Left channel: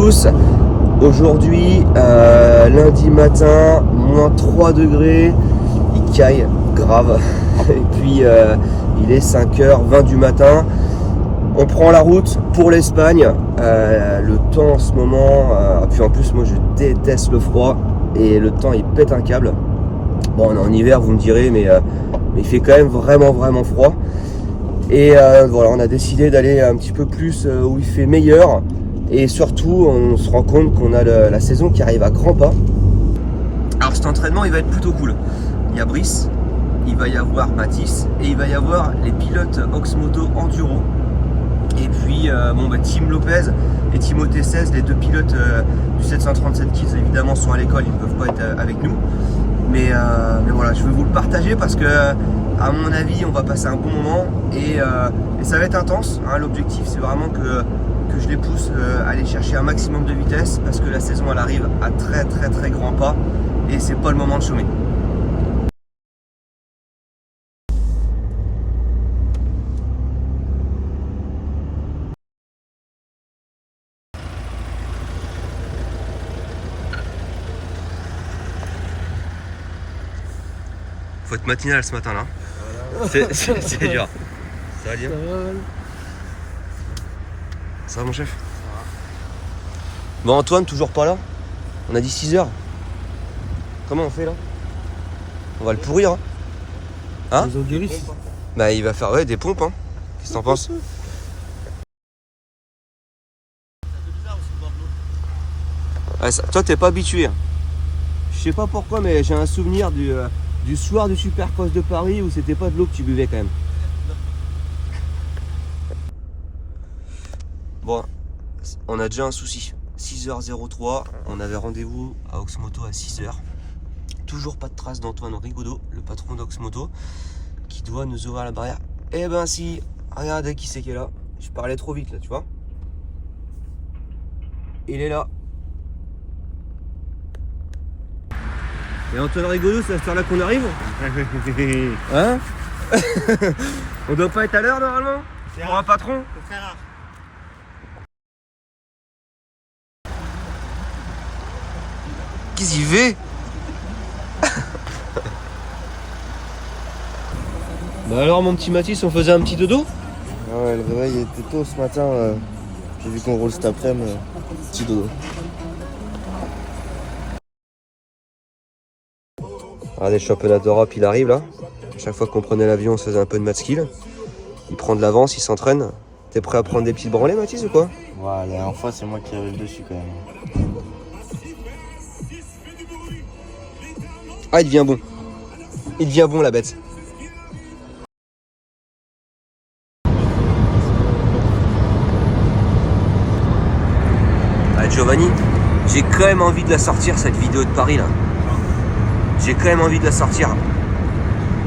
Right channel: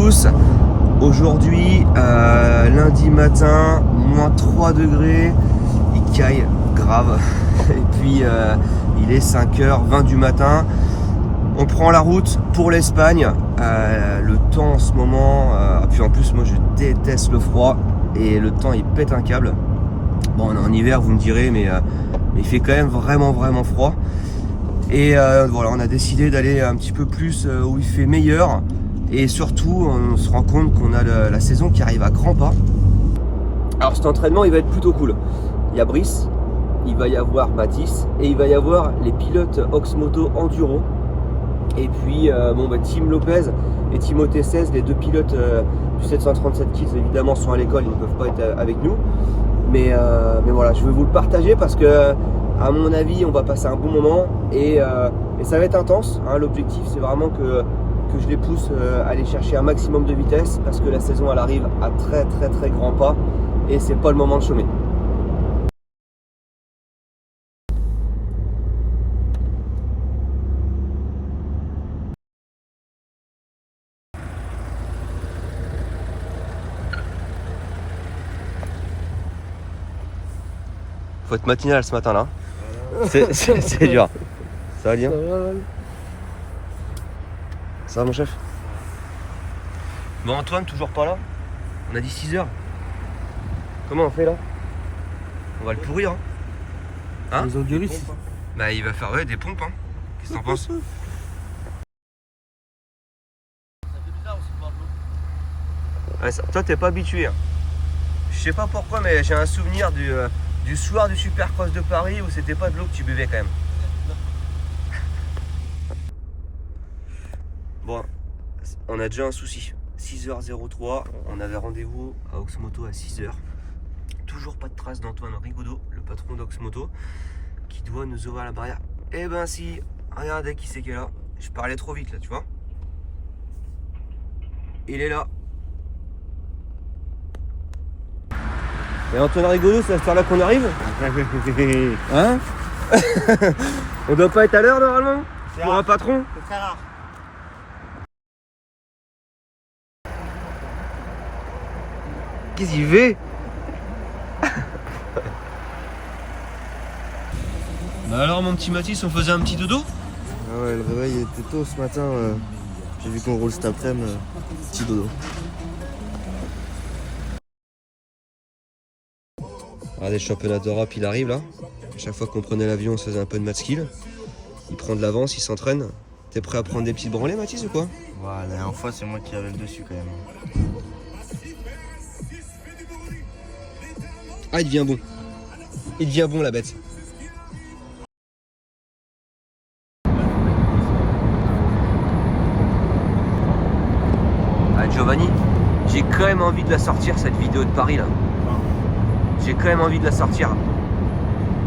tous. Aujourd'hui, lundi matin, moins 3 degrés, il caille grave. Et puis il est 5h20 du matin. On prend la route pour l'Espagne. Le temps en ce moment, puis en plus moi je déteste le froid et le temps il pète un câble. Bon, on est en hiver, vous me direz, mais il fait quand même vraiment froid. Et voilà, on a décidé d'aller un petit peu plus où il fait meilleur. Et surtout, on se rend compte qu'on a la saison qui arrive à grands pas. Alors cet entraînement, il va être plutôt cool. Il y a Brice, il va y avoir Mathis et il va y avoir les pilotes Oxmoto Enduro. Et puis Tim Lopez et Timothée 16, les deux pilotes du 737 Kids évidemment sont à l'école, ils ne peuvent pas être avec nous. Mais voilà, je vais vous le partager parce que à mon avis on va passer un bon moment et ça va être intense, hein. L'objectif c'est vraiment que je les pousse à aller chercher un maximum de vitesse parce que la saison elle arrive à très grands pas et c'est pas le moment de chômer. Faut être matinal ce matin là. Voilà. C'est dur. Ça va bien? Ça va mon chef? Bon Antoine toujours pas là? On a dit 6h. Comment on fait là? On va le pourrir hein? Ils ont gueulé. Bah il va faire des pompes hein. Qu'est-ce que t'en penses? Ouais, toi t'es pas habitué hein. Je sais pas pourquoi mais j'ai un souvenir du soir du Supercross de Paris où c'était pas de l'eau que tu buvais quand même. Bon, on a déjà un souci. 6h03, on avait rendez-vous à Oxmoto à 6h. Toujours pas de trace d'Antoine Rigaudot, le patron d'Oxmoto, qui doit nous ouvrir la barrière. Eh ben si, regardez qui c'est qui est là. Je parlais trop vite là, tu vois. Il est là. Et Antoine Rigaudot, c'est à cette heure-là qu'on arrive? Hein? On doit pas être à l'heure normalement? Pour un patron? C'est très rare. Qu'est-ce qu'il fait? Bah alors mon petit Mathis, on faisait un petit dodo? Ah ouais, le réveil était tôt ce matin. J'ai vu qu'on roule cet après-midi. Petit dodo. Regardez, le championnat d'Europe, il arrive là. À chaque fois qu'on prenait l'avion, on se faisait un peu de match skill. Il prend de l'avance, il s'entraîne. T'es prêt à prendre des petites branlées, Mathis, ou quoi? Ouais, la dernière fois, c'est moi qui arrive dessus quand même. Ah, il devient bon. Il devient bon, la bête. Ah, Giovanni, j'ai quand même envie de la sortir, cette vidéo de Paris, là. J'ai quand même envie de la sortir.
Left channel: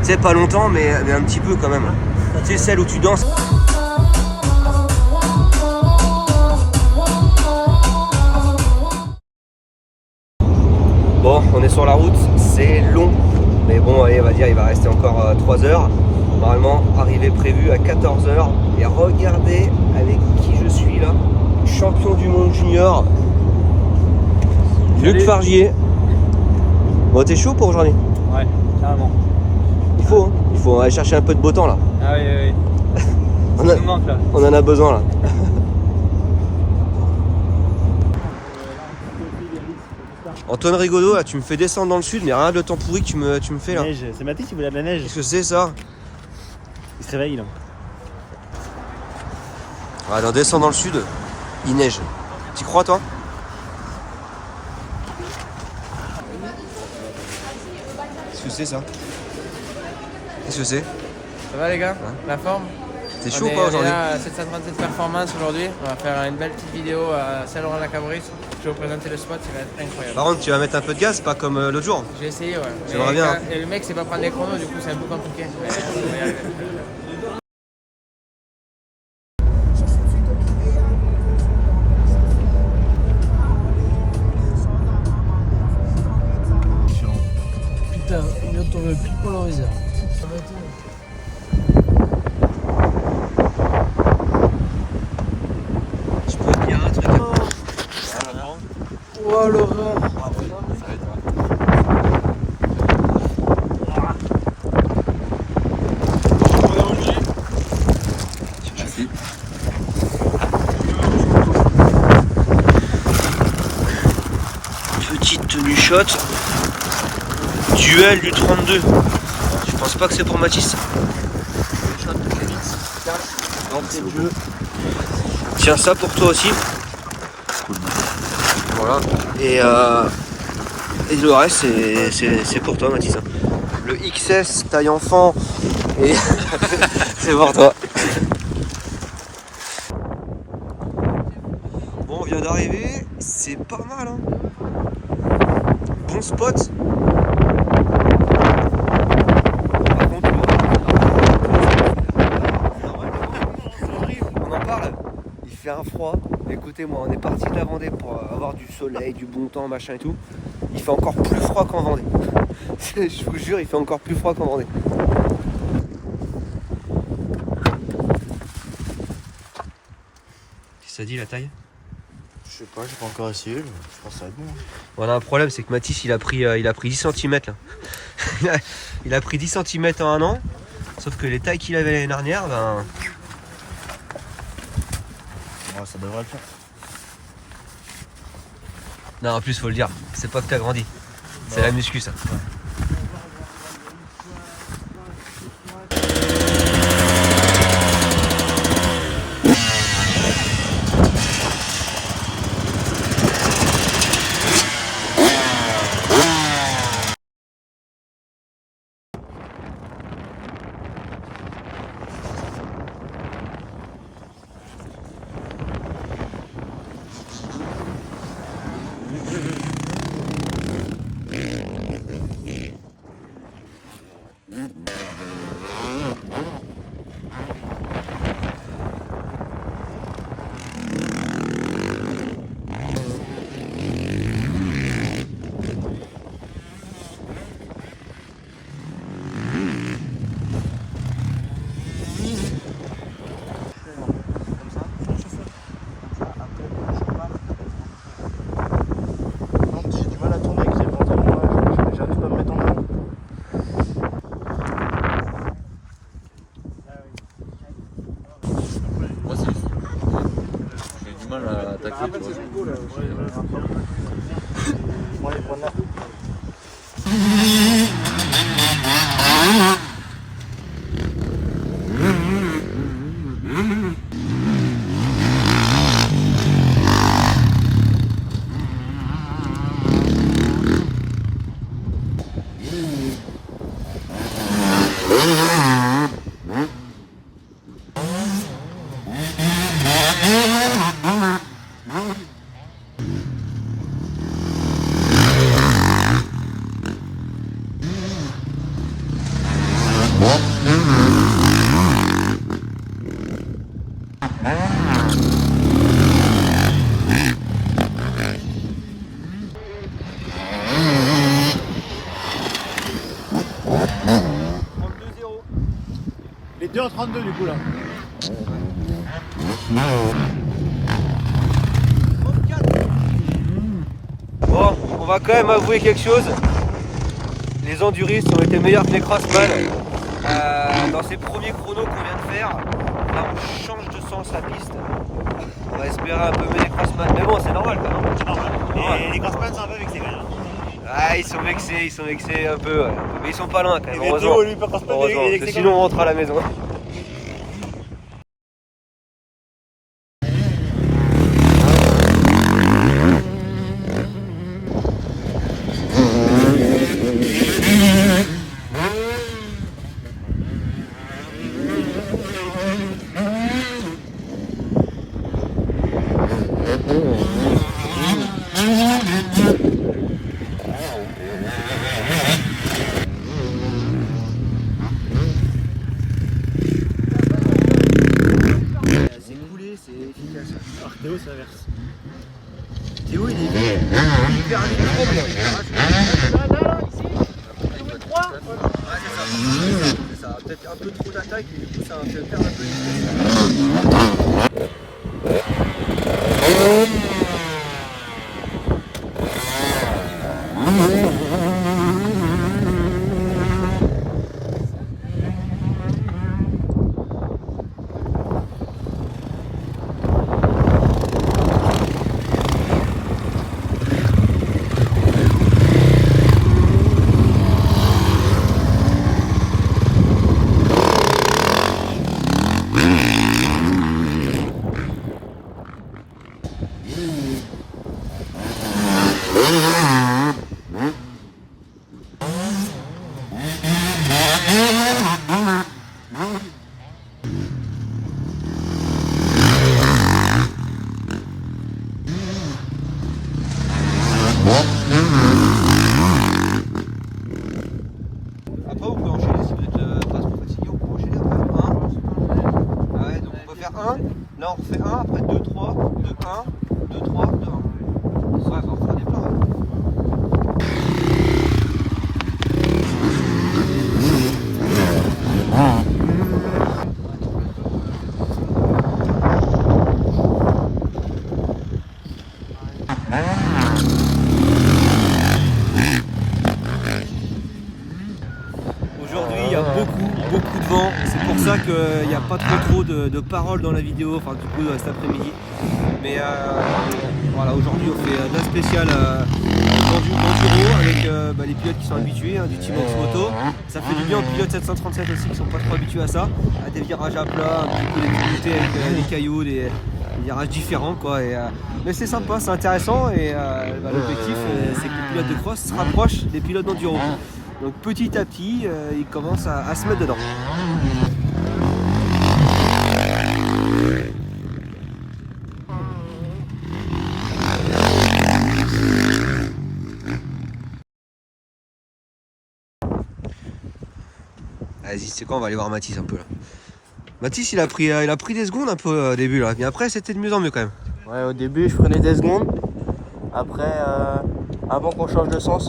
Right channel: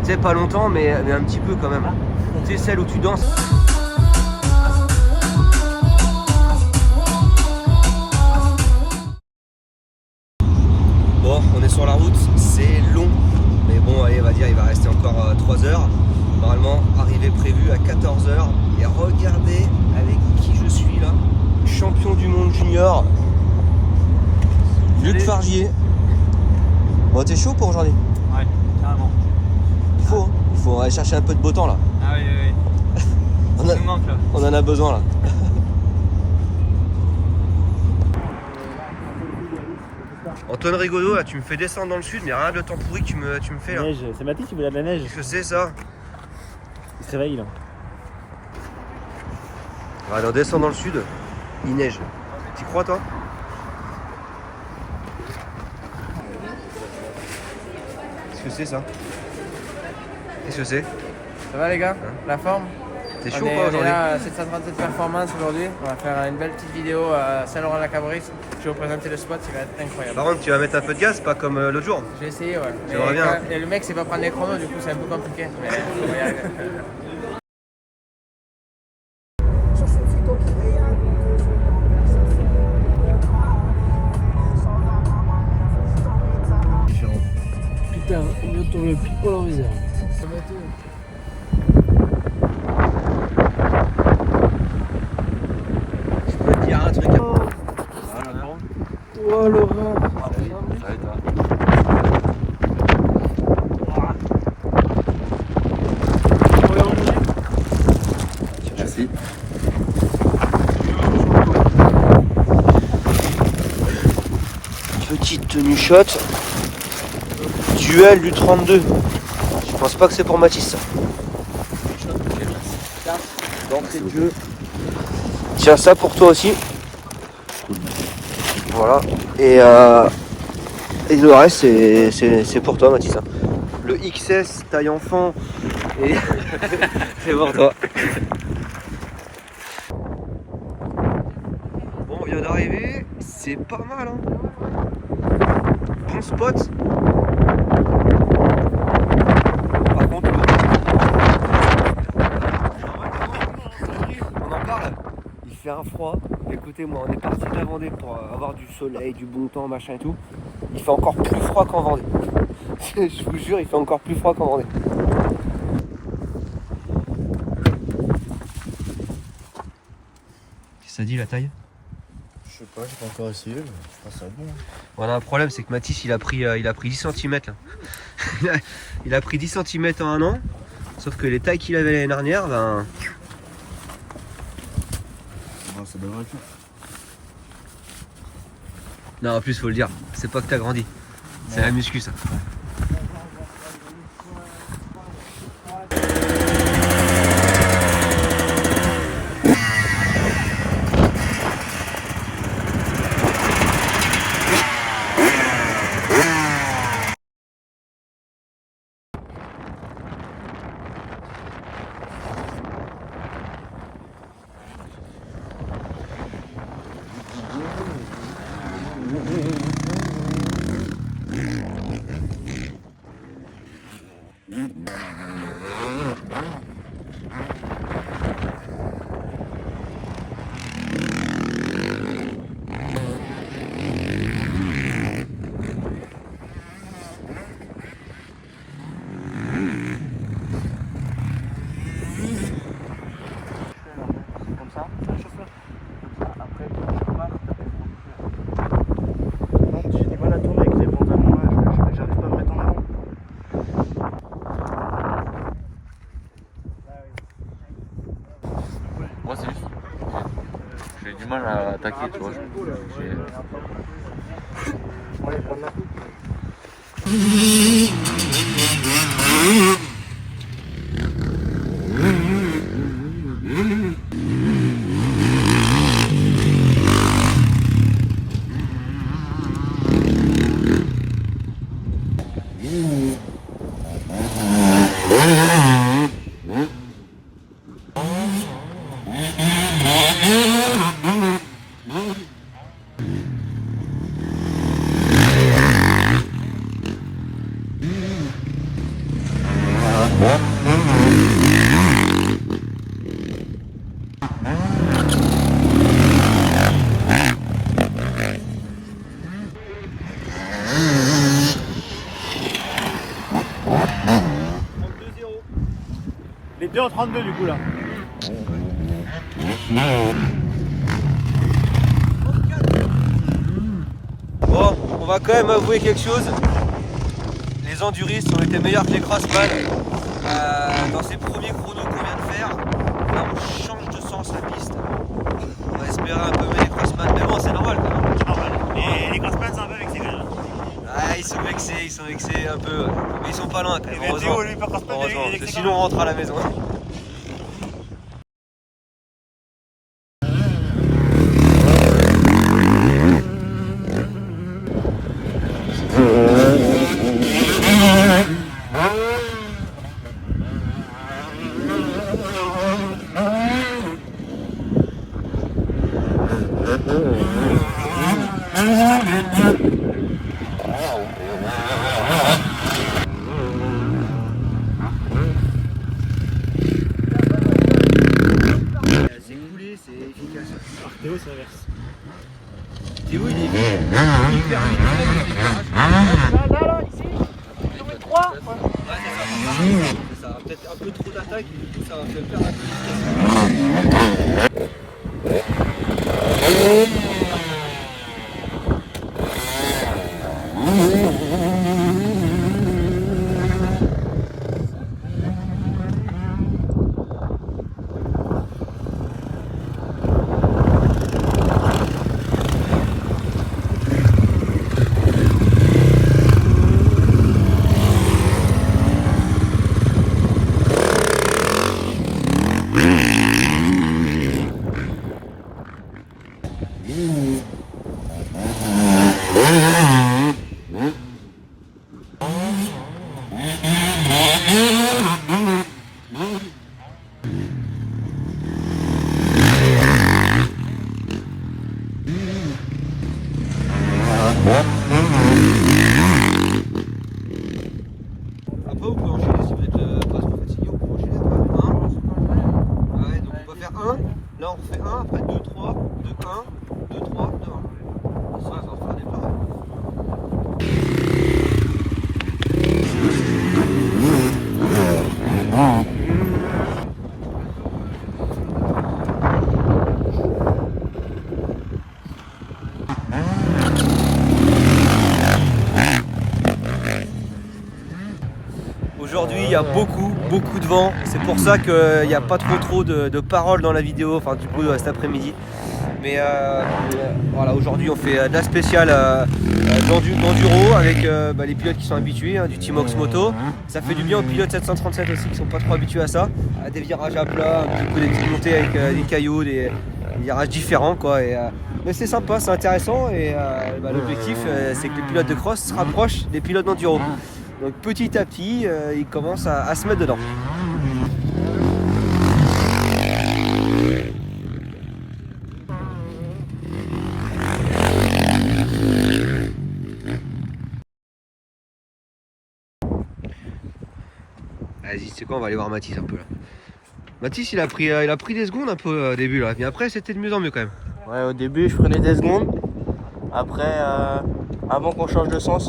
Tu sais, pas longtemps, mais un petit peu quand même. Tu sais, celle où tu danses. Bon, on est sur la route, c'est long. Mais bon, allez, on va dire, il va rester encore 3 heures. Normalement, arrivée prévue à 14h. Et regardez avec qui je suis là. Champion du monde junior. Luc Fargier. Bon, t'es chaud pour aujourd'hui? Ouais, carrément. Il faut aller chercher un peu de beau temps là. Ah oui. Ça nous manque là. On en a besoin là. Antoine Rigaudot, là, tu me fais descendre dans le sud, mais rien de temps pourri que tu me fais là. Neige, c'est Mathis qui voulait de la neige. Qu'est-ce que c'est ça? Il se réveille là. Allez, on descend dans le sud, il neige. T'y crois toi? Qu'est-ce que c'est ça? Qu'est-ce que c'est? Ça va les gars? Hein? La forme? T'es chaud On ou pas est aujourd'hui? là à 737 Performance aujourd'hui. On va faire une belle petite vidéo à Saint-Laurent-la-Cabris. Je vais vous présenter le spot, il va être incroyable. Par contre, tu vas mettre un peu de gaz, pas comme l'autre jour. Je vais essayer, ouais. J'aimerais bien. Et le mec sait pas prendre les chronos, du coup c'est un peu compliqué. Mais on va y arriver. Putain, on vient de tomber pile poil en réserve. Je peux te dire un truc. shot. Duel du 32. Je pense pas que c'est pour Mathis. Tiens, ça pour toi aussi. Voilà. Et le reste, c'est pour toi, Mathis. Le XS taille enfant, et c'est pour toi. Bon, on vient d'arriver. C'est pas mal, hein. Bon spot. Par contre, on en parle. Il fait un froid. Écoutez-moi, on est parti de la Vendée pour avoir du soleil, du bon temps, machin et tout. Il fait encore plus froid qu'en Vendée. Je vous jure, il fait encore plus froid qu'en Vendée. Qu'est-ce que ça dit la taille? Je sais pas, j'ai pas encore essayé, mais je pense que ça va être bon. Voilà, un problème, c'est que Mathis il a pris 10 cm là. Il a pris 10 cm en un an. Sauf que les tailles qu'il avait l'année dernière, ben. Ouais, ça devrait le faire. Non, en plus, faut le dire, c'est pas que t'as grandi. C'est la muscu, ça. Ouais. À attaquer, tu vois. Les 2 en 32 du coup là. Bon, on va quand même avouer quelque chose. Les enduristes ont été meilleurs que les crossman. Dans ces premiers chronos qu'on vient de faire, là on change de sens la piste. On va espérer un peu mieux les crossman. Mais bon, c'est normal quand même. Les crossman sont un peu vexés quand même. Ah, ils sont vexés un peu. Ouais. Mais ils sont pas loin quand même, heureusement. Théo, lui, peut crossman, Heureusement, il est parce que vexé sinon quand on rentre à la maison. C'est coulé, c'est efficace. même. Théo, c'est l'inverse. Théo, il est hyper vite. C'est ça. Peut-être un peu trop d'attaque et du coup ça va me faire perdre un peu d'efficacité. Après on peut enchaîner, ça peut être pas trop fatigué, on peut enchaîner après. Ouais, donc on peut faire 1, là on refait 1, après 2, 3, 2, 1, 2, 3, 2, 1. Ça va faire des plats. Aujourd'hui il y a beaucoup de vent, c'est pour ça qu'il n'y a pas trop de paroles dans la vidéo, enfin du coup cet après-midi. Mais voilà, aujourd'hui on fait de la spéciale d'enduro avec les pilotes qui sont habitués, du team Oxmoto. Ça fait du bien aux pilotes 737 aussi qui sont pas trop habitués à ça, à des virages à plat, un petit peu des petites montées avec des cailloux, des virages différents quoi. Mais c'est sympa, c'est intéressant et l'objectif c'est que les pilotes de cross se rapprochent des pilotes d'enduro. Donc petit à petit, ils commencent à se mettre dedans. Vas-y, c'est quoi, on va aller voir Mathis un peu là. Mathis il a pris des secondes un peu au début là, mais après c'était de mieux en mieux quand même. Ouais, au début je prenais des secondes. Après, avant qu'on change de sens,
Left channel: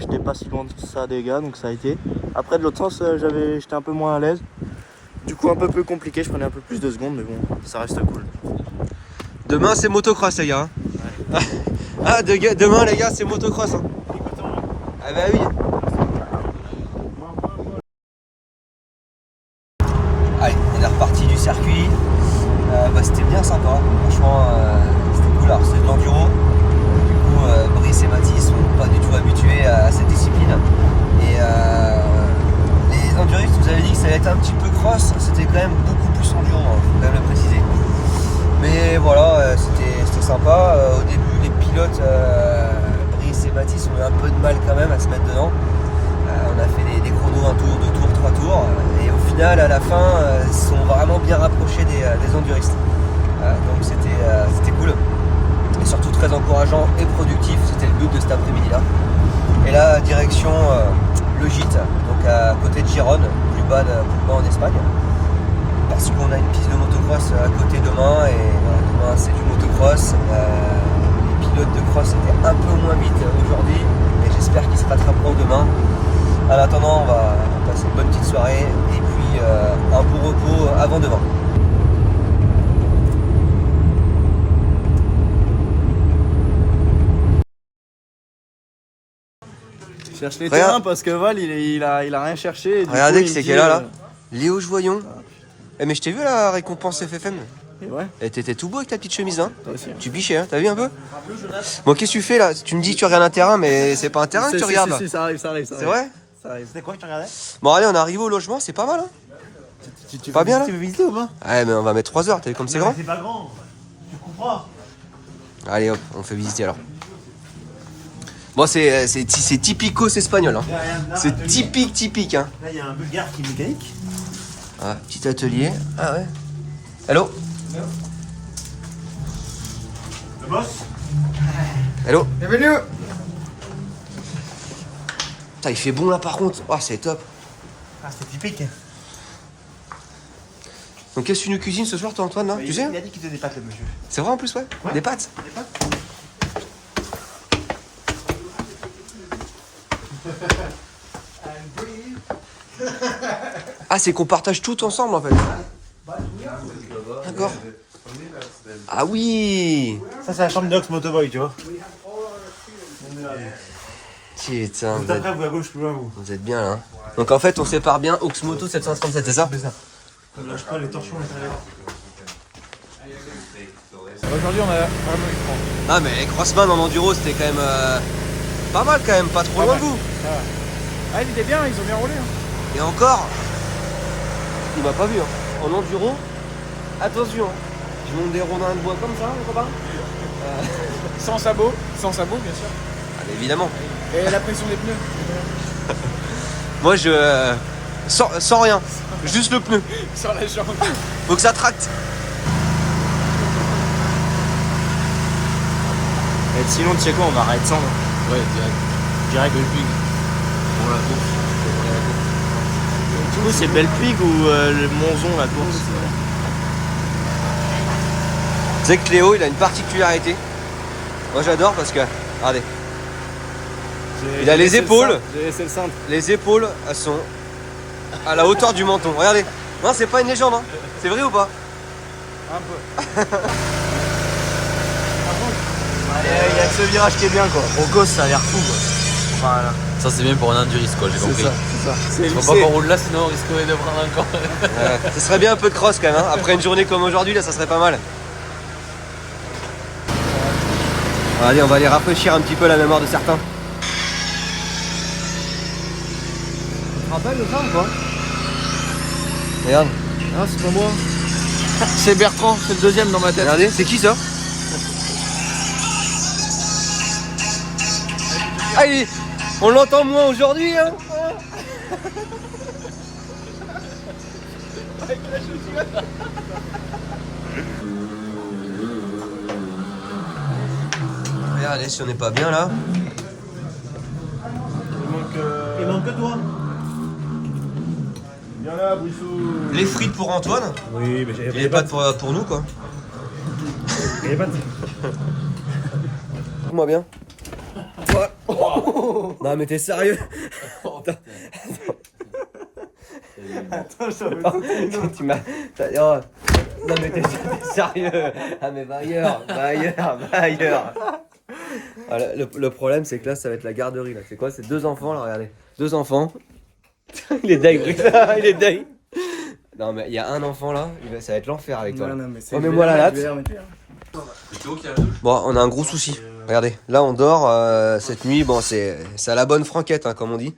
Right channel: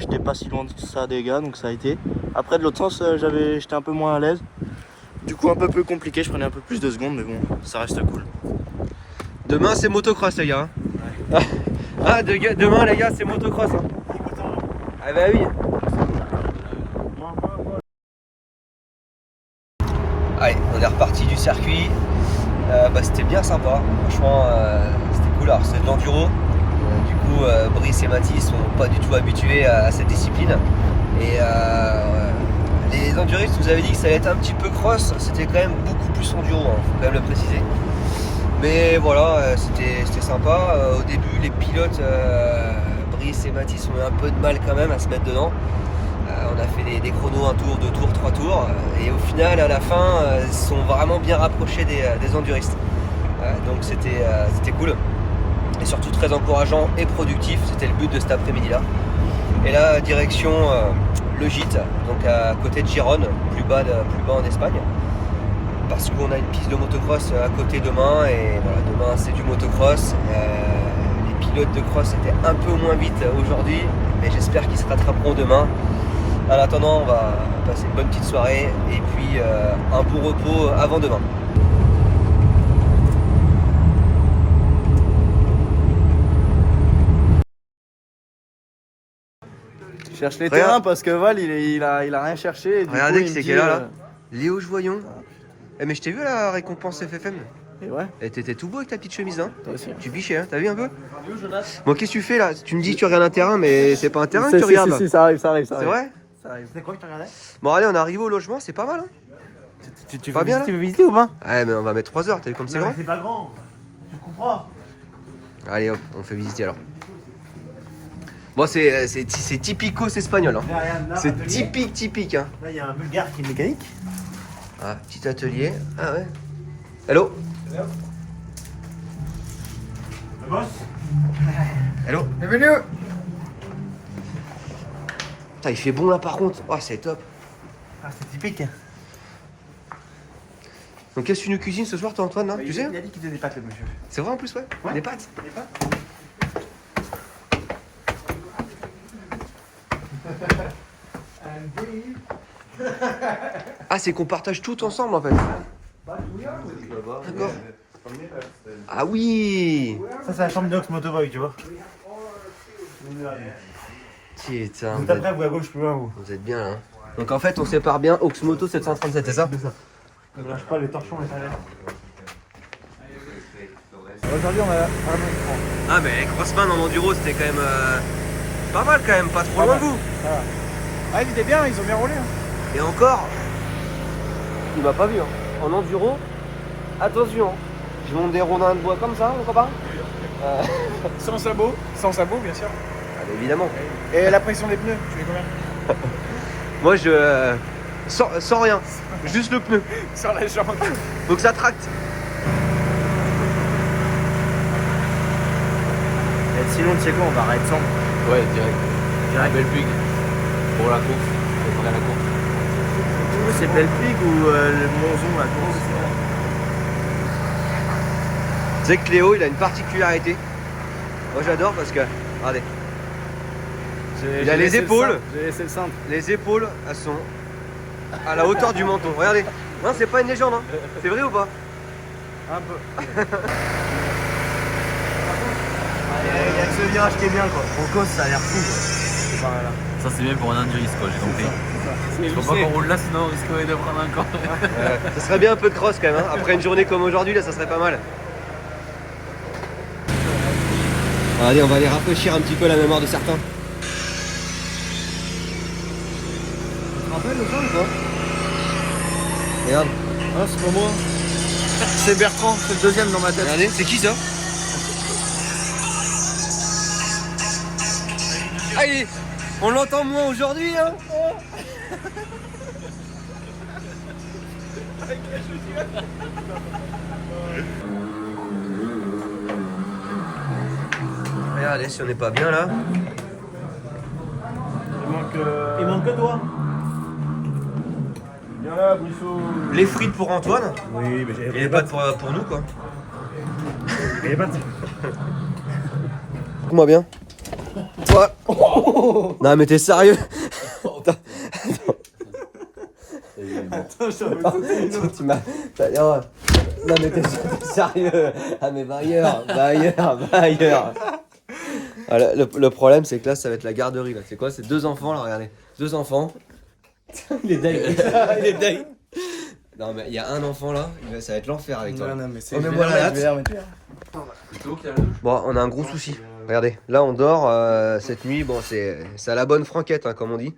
j'étais pas si loin de ça des gars, donc ça a été. Après de l'autre sens, j'étais un peu moins à l'aise. Du coup un peu plus compliqué, je prenais un peu plus de secondes, mais bon, ça reste cool. Demain c'est motocross les gars. Hein. Ah demain les gars c'est motocross. Hein. Ah bah oui. Allez, on est reparti du circuit. C'était bien sympa, franchement c'était cool. Alors c'est de l'enduro. Du coup Brice et Mathis sont pas du tout habitués à cette discipline. Et les enduristes vous avez dit que ça allait être un petit peu cross, c'était quand même beaucoup plus enduro, hein, faut quand même le préciser. Mais voilà, c'était sympa. Au début les pilotes Brice et Mathis ont eu un peu de mal quand même à se mettre dedans. On a fait des chronos, un tour, 2 tours, 3 tours. Et au final, à la fin, ils sont vraiment bien rapprochés des enduristes. Donc c'était cool. Et surtout très encourageant et productif. C'était le but de cet après-midi-là. Et là, direction le gîte, donc à côté de Gérone, plus bas en Espagne. Parce qu'on a une piste de motocross à côté demain. Et voilà, demain, c'est du motocross. Les pilotes de cross étaient un peu moins vite aujourd'hui. Mais j'espère qu'ils se rattraperont demain. En attendant, on va passer une bonne petite soirée et puis un bon repos avant demain. Je cherche les terrains parce que Val il a rien cherché. Regardez qui c'est qu'elle a là. Léo Joyon. Mais je t'ai vu la récompense FFM. Et ouais. Et t'étais tout beau avec ta petite chemise hein. Toi aussi. Tu bichais hein, t'as vu un peu? Bon qu'est-ce que tu fais là? Tu me dis que tu regardes un terrain mais c'est pas un terrain que tu regardes là. Si, ça arrive. C'est vrai? C'était quoi que tu regardais? Bon allez on arrive au logement, c'est pas mal hein. Tu pas bien là? Tu veux visiter ou pas? Ouais mais on va mettre 3 heures, t'as vu comme c'est grand? C'est pas grand, tu comprends. Allez hop, on fait visiter alors. Bon c'est typico c'est espagnol hein. C'est typique hein. Là il y a un bulgare qui est mécanique. Ah, petit atelier. Ah ouais. Hello. Le boss. Hello. Bienvenue. Putain, il fait bon là par contre. Oh, c'est top. Ah c'est typique. Donc qu'est-ce que tu nous cuisines ce soir toi Antoine là? Tu sais? Il a dit qu'il faisait des pâtes le monsieur. C'est vrai en plus ouais. Des pâtes. Des pâtes. Ah c'est qu'on partage tout ensemble en fait. D'accord. Ah oui. Ça c'est la chambre d'Ox Motoboy tu vois. Putain, Tout après vous à gauche plus loin vous. vous êtes bien là. Hein. Donc en fait on sépare bien Oxmoto 737 c'est ça? C'est ça. Ne lâche pas les torchons intérieurs. Aujourd'hui on a vraiment. Ah mais Crossman en enduro c'était quand même pas mal quand même, pas trop loin de vous. Ah il était bien, ils ont bien roulé. Hein. Et encore, il m'a pas vu. Hein. En enduro, attention, hein. Je monte des rondins de bois comme ça, mon copain. Sans sabot bien sûr. Ah évidemment. Et la pression des pneus, tu mets combien? Moi je... sans rien, juste le pneu. Sur la jambe. Faut que ça tracte. Et sinon, tu sais quoi, on va arrêter ça. Ouais, direct. Direct Belpuig. Pour la course, pour la course. Du coup, c'est Belpuig ou le Monzon, la course? Tu sais que Cléo, il a une particularité. Moi j'adore parce que, regardez, il a les épaules. J'ai laissé le centre. Les épaules, elles sont à la hauteur du menton. Regardez. Non, c'est pas une légende, hein. C'est vrai ou pas? Un peu. Il y a que ce virage qui est bien, quoi. Au gosse, ça a l'air fou, quoi. Enfin, là. Ça, c'est bien pour un enduriste, quoi, j'ai compris. C'est Faut pas qu'on roule là, sinon on risquerait de prendre encore. Ce serait bien un peu de cross quand même, hein. Après une journée comme aujourd'hui, là, ça serait pas mal. Bon, allez, on va aller rafraîchir un petit peu la mémoire de certains. Tu te rappelles le temps ou quoi? Regarde. Ah, c'est pas moi. C'est Bertrand, c'est le deuxième dans ma tête. Regardez, c'est qui ça? Ah, on l'entend moins aujourd'hui, hein. Regardez si on n'est pas bien là. Il manque que toi. Viens là, Brissot. Les frites pour Antoine Oui, mais et j'avais les pâtes pour nous quoi. les pattes. Moi bien. Ouais. Non mais t'es sérieux? Attends, j'avais Tu m'as... Oh. Non mais t'es sérieux? Ah mais va ailleurs. Voilà, le problème c'est que là ça va être la garderie là. C'est quoi? C'est 2 enfants là, regardez. 2 enfants. Il est deg, il est deg. Non mais il y a un enfant là, ça va être l'enfer avec toi. Non, mais c'est. On met moi la latte. Bon, on a un gros souci. Regardez, là on dort cette nuit. Bon, c'est à la bonne franquette, hein, comme on dit.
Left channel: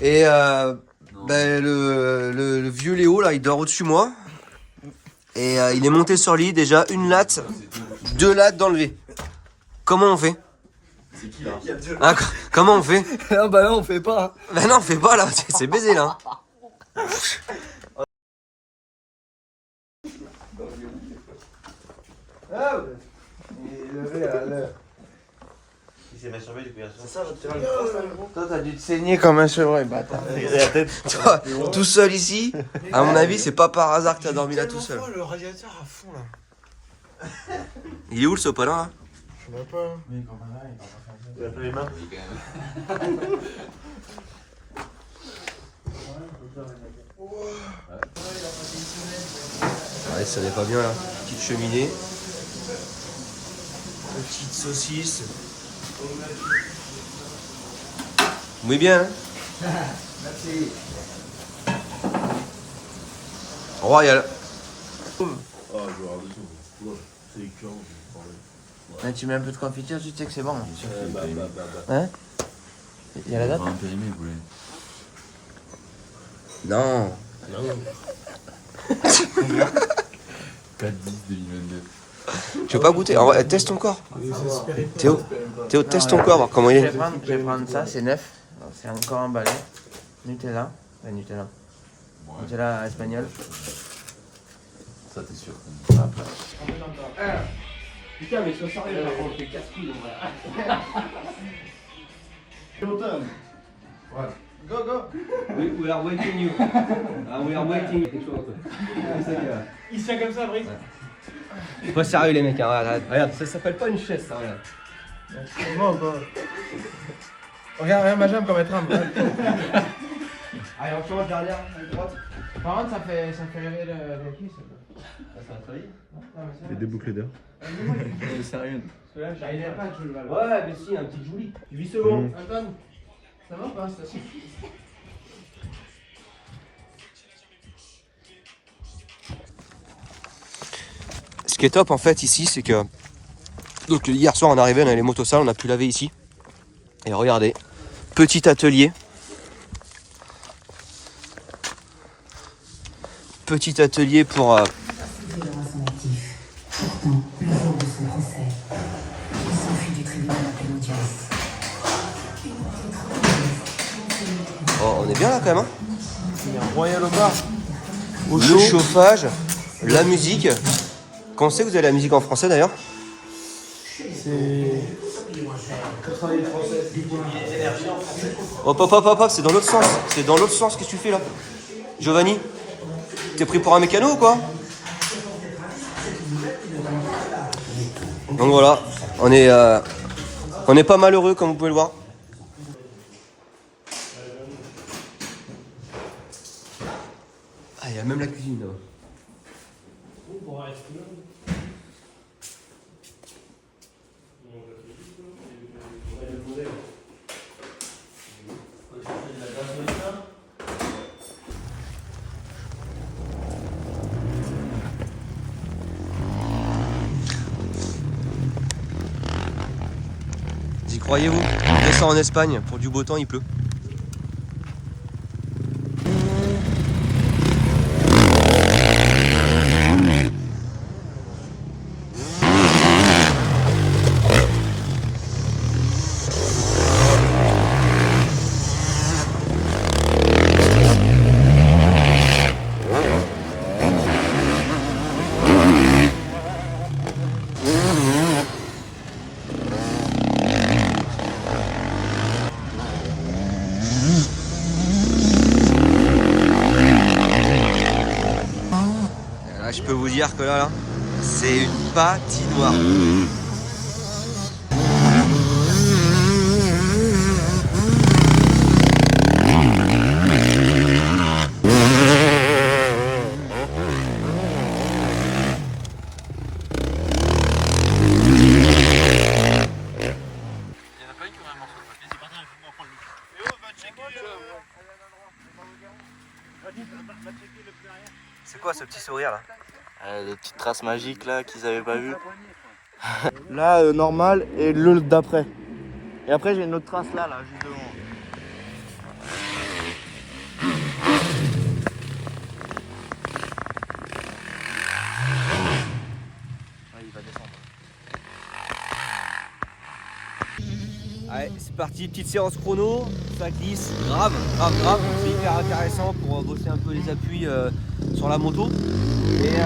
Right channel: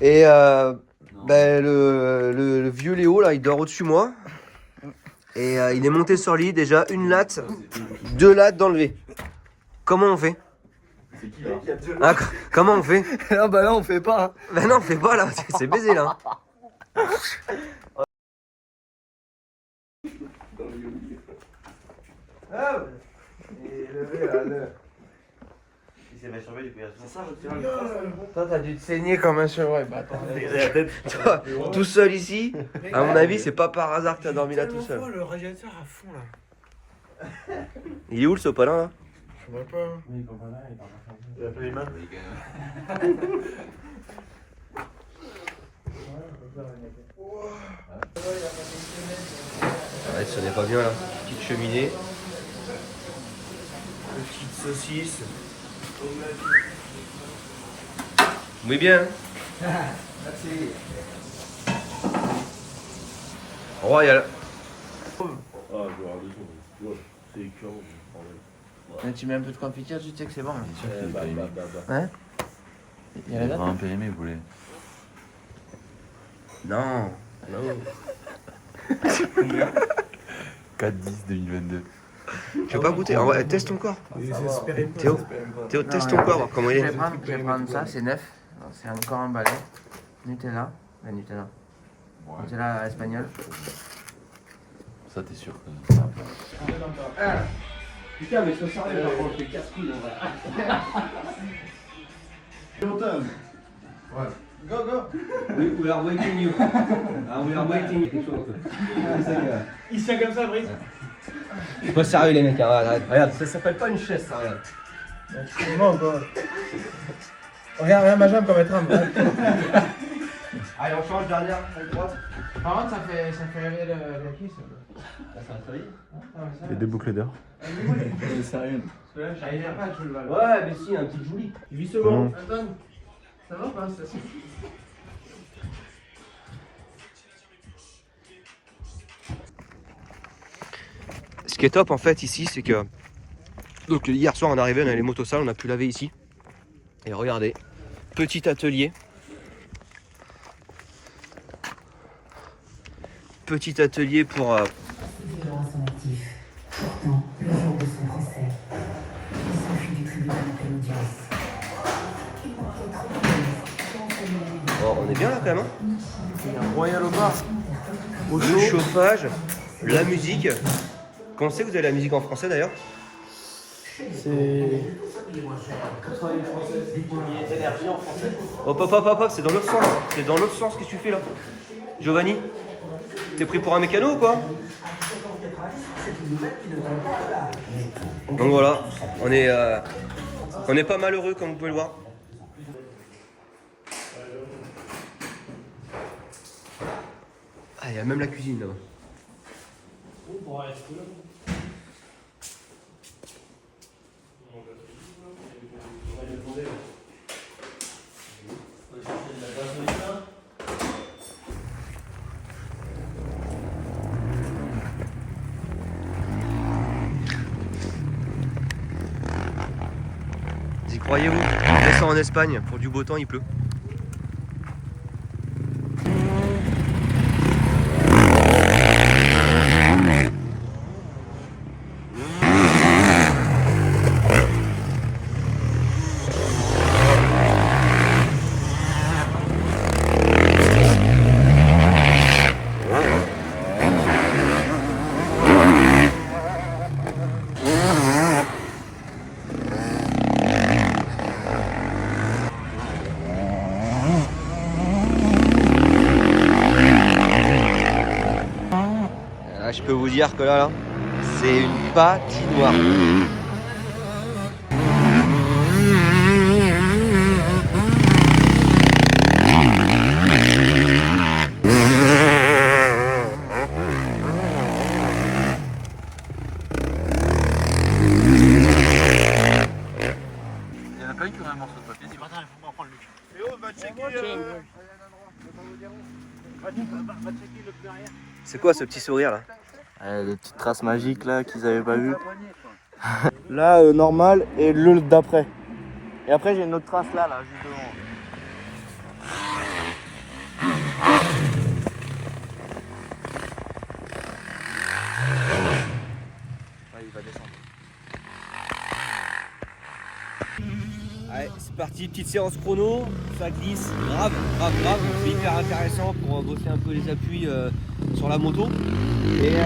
Et le vieux Léo là, il dort au-dessus de moi. Et il est monté sur le lit, déjà 1 latte, 2 lattes d'enlever. Comment on fait? C'est qui là? Ah, comment on fait? Non, bah là, on fait pas. Ben non, on fait pas là, c'est baisé là. Il s'est masturbé depuis la soirée. C'est ça, je tiens. Toi, t'as dû te saigner comme un cheval, bâtard. Toi, tout seul ici, à mon avis, c'est pas par hasard que t'as dormi là tout seul. Le radiateur à fond là. Il est où le sopalin là? Je vois pas. Mais quand on a, il a fait les mains. Ouais, ça n'est pas bien là. Petite cheminée. Petite saucisse. Oui bien. Merci. Royal. Quand tu mets un peu de confiture, tu sais que c'est bon. Hein? Il y a la date? Un PME, vous voulez. Non. 4-10-2022. Je veux pas goûter. Teste ton corps. Théo, teste ton corps, voir comment il est. Je vais prendre ça, c'est neuf. Donc, c'est encore emballé. Nutella. Nutella. Nutella espagnol. Ça, t'es sûr. Putain, mais sois sérieux, par contre, je fais casse-couille en vrai. Go, go! We are waiting you. We are waiting you. Il se tient comme ça, Brice. C'est pas sérieux les mecs, hein. Regarde, ça s'appelle pas une chaise ça, regarde. Moi, quoi. Regarde ma jambe comme elle tremble. Allez, on change dernière, à droite. Par contre, ça fait rêver le cuisse. Les 2 boucles d'or. Sérieux. Il est prêt, tu le vois. Ouais, mais si, un petit joli. 8 secondes. Antoine, ça va ou pas, ça? Ce qui est top en fait ici, c'est que donc hier soir on est arrivé, on a les motos sales, on a pu laver ici. Et regardez, petit atelier. Petit atelier pour Violence en actif. Pourtant, le jour de son procès, il s'enfuit du tribunal de l'audience. Oh, on est bien là quand même. Hein. Il y a un royal au bar. Le chauffage, la musique. Quand c'est que vous avez la musique en français d'ailleurs? C'est. Hop, c'est dans l'autre sens. C'est dans l'autre sens, qu'est-ce que tu fais là? Giovanni, t'es pris pour un mécano ou quoi? Donc voilà, on est pas malheureux comme vous pouvez le voir. Ah, il y a même la cuisine là-bas. Vous y croyez-vous? On descend en Espagne, pour du beau temps il pleut. Là, je peux vous dire que là, c'est une patinoire. C'est quoi ce petit sourire là? Les petites traces magiques là qu'ils avaient pas vues. Là, normal et le d'après. Et après, j'ai une autre trace là, juste devant. Il va descendre. Allez, c'est parti, petite séance chrono, ça glisse grave, donc c'est hyper intéressant pour bosser un peu les appuis sur la moto. Et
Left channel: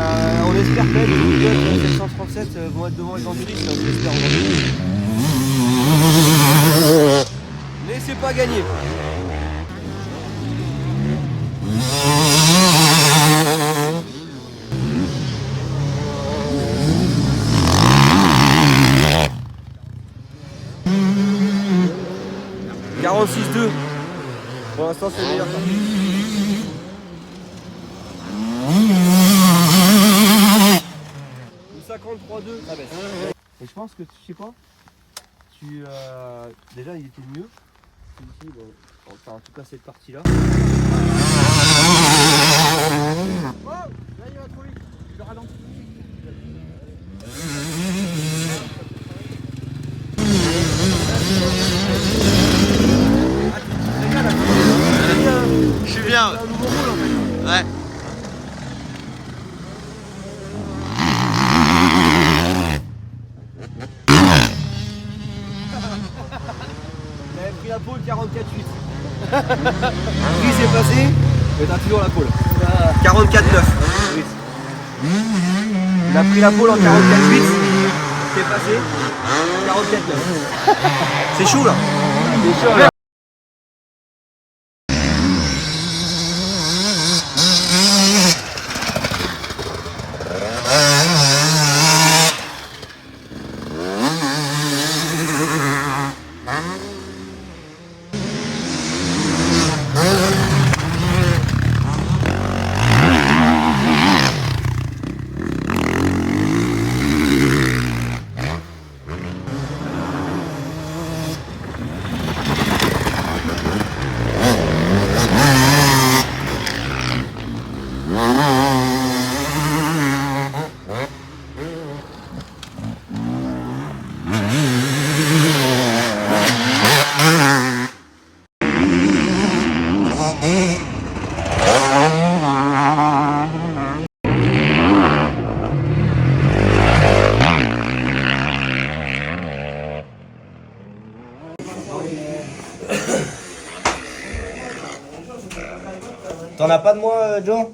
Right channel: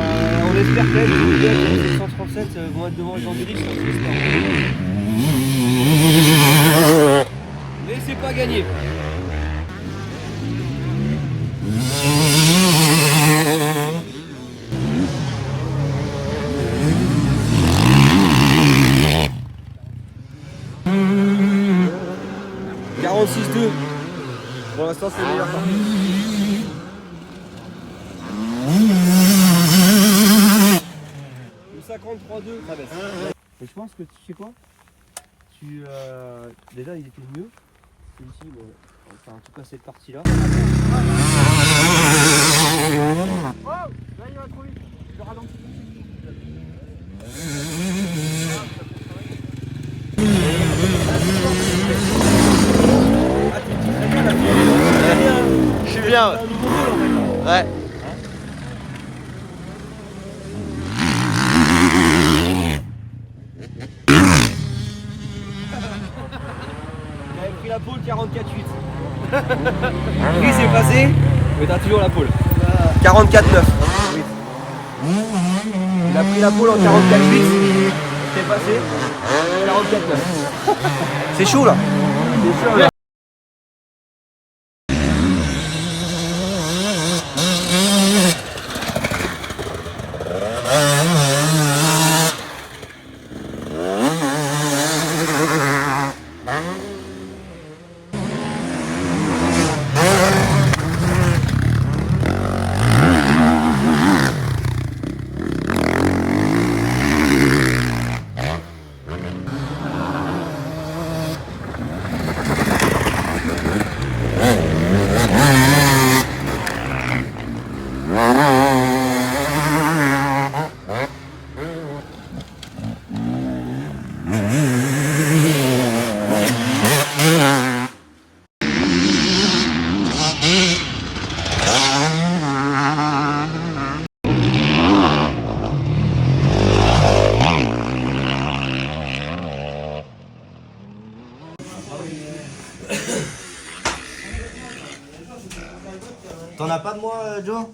on espère que les pilotes 737 vont être devant les emburistes, on espère aujourd'hui. Mais c'est pas gagné. Pour l'instant c'est meilleur. Ou 53,2 ça baisse. Et je pense que tu sais quoi, déjà il était mieux. Ici, bon, enfin en tout cas cette partie là. Je suis bien. C'est un nouveau rôle en fait là. Ouais. J'avais pris la pole 44,8. Brise est passé, mais t'as toujours la pole. 44,9. Il a pris la pole en 44,8. C'est passé. 44,9. C'est chaud là. C'est chaud là. T'en as pas de moi, Joe?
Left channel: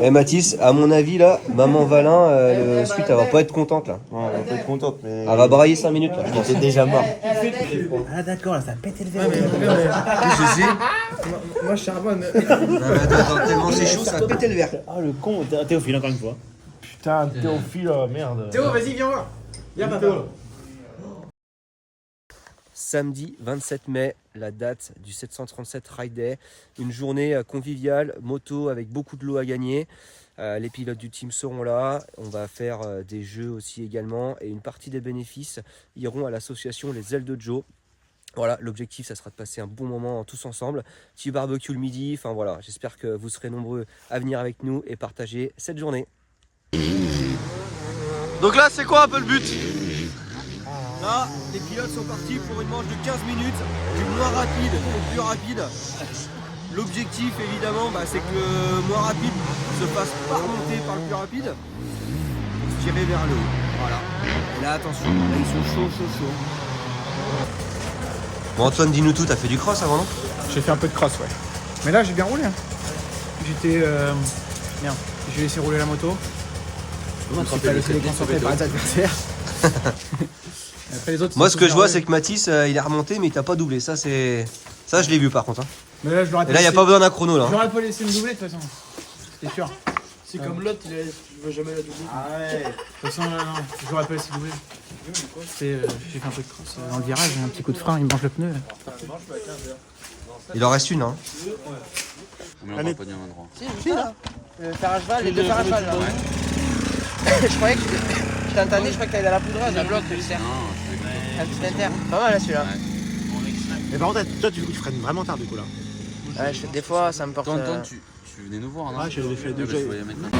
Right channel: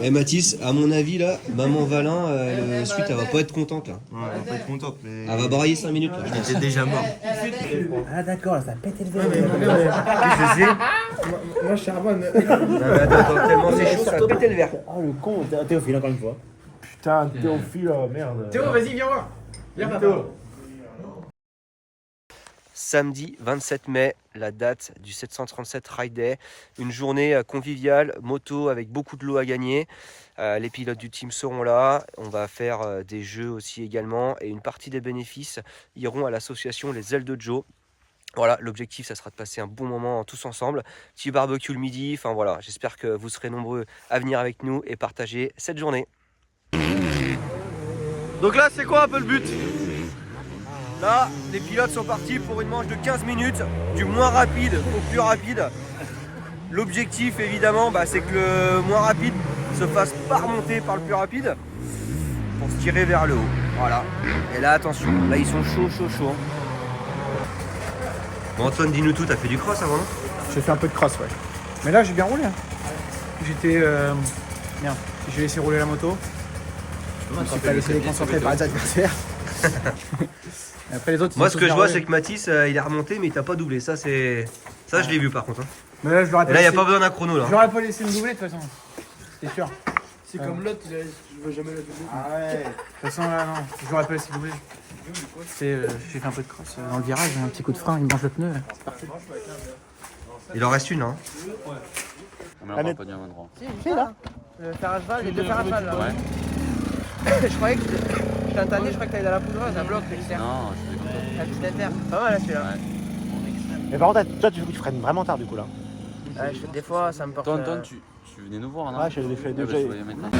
Eh Mathis, à mon avis là, maman Valin, le suite elle va pas être contente là. Ouais, elle peut être contente, mais. Elle va brailler 5 minutes là, je pense. T'es déjà mort. Ah d'accord, ça a pété le verre. Je sais. Moi je charbonne. Attends, tellement c'est chaud, ça va péter le verre. Oh le con, Théophile encore une fois. Putain, Théophile, merde. Théo, vas-y, viens voir. Viens, Théo. Samedi 27 mai, la date du 737 Ride Day. Une journée conviviale, moto avec beaucoup de lots à gagner. Les pilotes du team seront là. On va faire des jeux aussi également. Et une partie des bénéfices iront à l'association Les Ailes de Joe. Voilà, l'objectif, ça sera de passer un bon moment tous ensemble. Petit barbecue le midi. Enfin voilà, j'espère que vous serez nombreux à venir avec nous et partager cette journée. Donc là, c'est quoi un peu le but? Là, les pilotes sont partis pour une manche de 15 minutes, du moins rapide au plus rapide. L'objectif, évidemment, c'est que le moins rapide se fasse pas remonter par le plus rapide pour se tirer vers le haut. Voilà. Et là, attention, là, ils sont chauds. Bon, Antoine, dis-nous tout, t'as fait du cross avant, non? J'ai fait un peu de cross, ouais. Mais là, j'ai bien roulé. Hein. J'étais... Merde, j'ai laissé rouler la moto. Je me suis pas laissé déconcentrer par les adversaires. Après, les autres, Moi, ce que je vois, c'est que Mathis, il est remonté, mais il t'a pas doublé. Ça, je l'ai vu, par contre. Hein. Mais là, je l'aurais Et là, il n'y a pas besoin d'un chrono, là. Je l'aurais pas laissé me doubler, de toute façon. C'était sûr. C'est comme l'autre, il veut jamais la doubler. Ah ouais. De toute façon, là, non. Je l'aurais pas laissé doubler. J'ai fait un peu de cross dans le virage. Un petit coup de frein, il me mange le pneu. Il en reste une, hein. On met encore pas dit un endroit. Si, là. Le fer à cheval, les deux fers à cheval. Ouais. Je croyais que je t'entendais, je croyais que t'allais dans la poudreuse, la bloc, le cerf. Non, je Un petit inter. Pas mal là celui-là. Mais par contre, toi, tu freines vraiment tard du coup là. Ouais, des fois ça me porte. Antoine, tu venais nous voir, non? Ah, j'ai fait deux. Je voyais maintenant.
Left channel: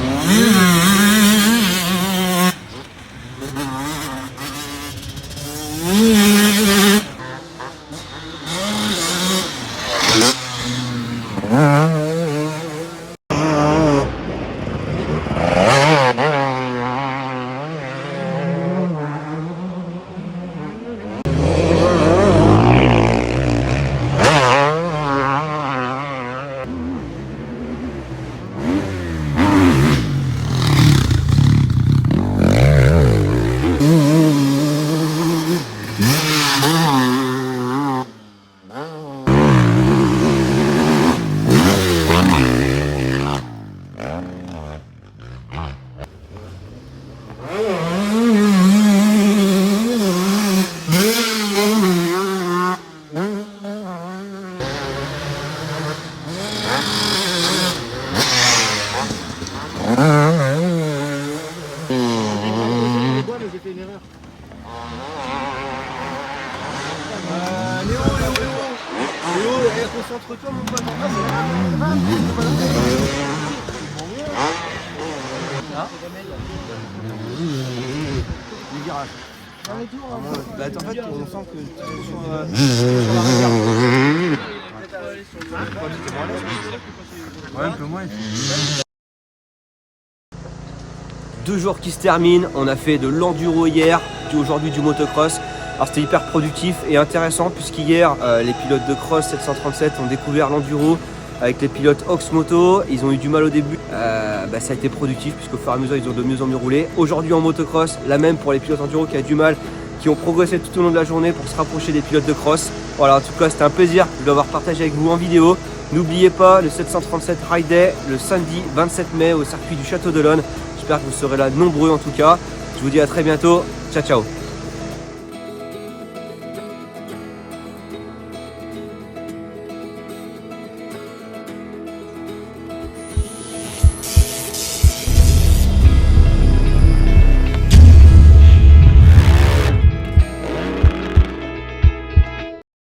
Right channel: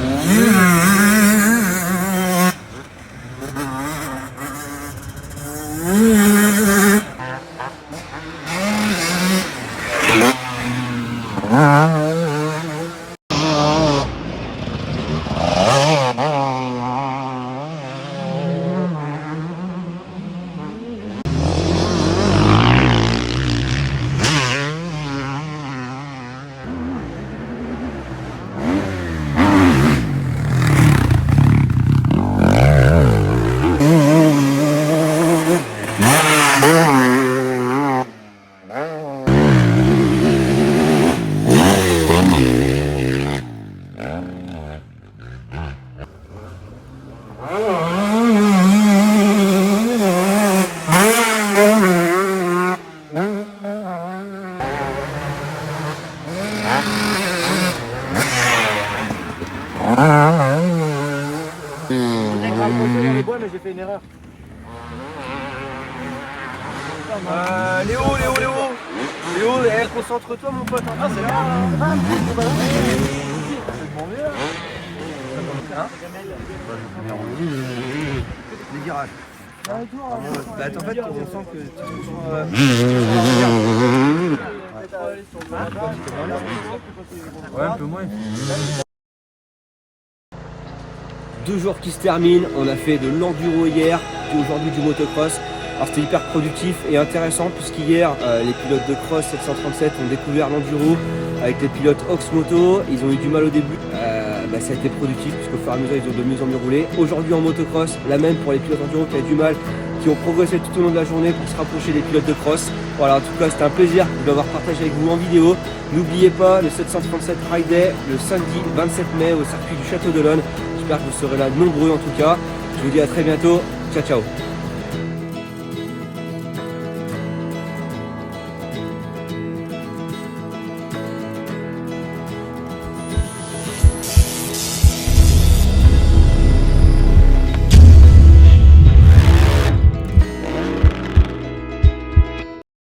Léo, concentre-toi mon pote, c'est là. Le virage. En fait, on sent que tu sur la réserve. Ouais, un peu moins. 2 jours qui se terminent, on a fait de l'enduro hier, aujourd'hui du motocross. Alors c'était hyper productif et intéressant puisqu'hier les pilotes de cross 737 ont découvert l'enduro avec les pilotes Oxmoto. Ils ont eu du mal au début, ça a été productif puisqu'au fur et à mesure ils ont de mieux en mieux roulé. Aujourd'hui en motocross, la même pour les pilotes enduro qui ont du mal, qui ont progressé tout au long de la journée pour se rapprocher des pilotes de cross. Voilà, en tout cas c'était un plaisir de l'avoir partagé avec vous en vidéo. N'oubliez pas le 737 Ride Day le samedi 27 mai au circuit du Château d'Olonne. J'espère que vous serez là nombreux en tout cas. Je vous dis à très bientôt. Ciao ciao.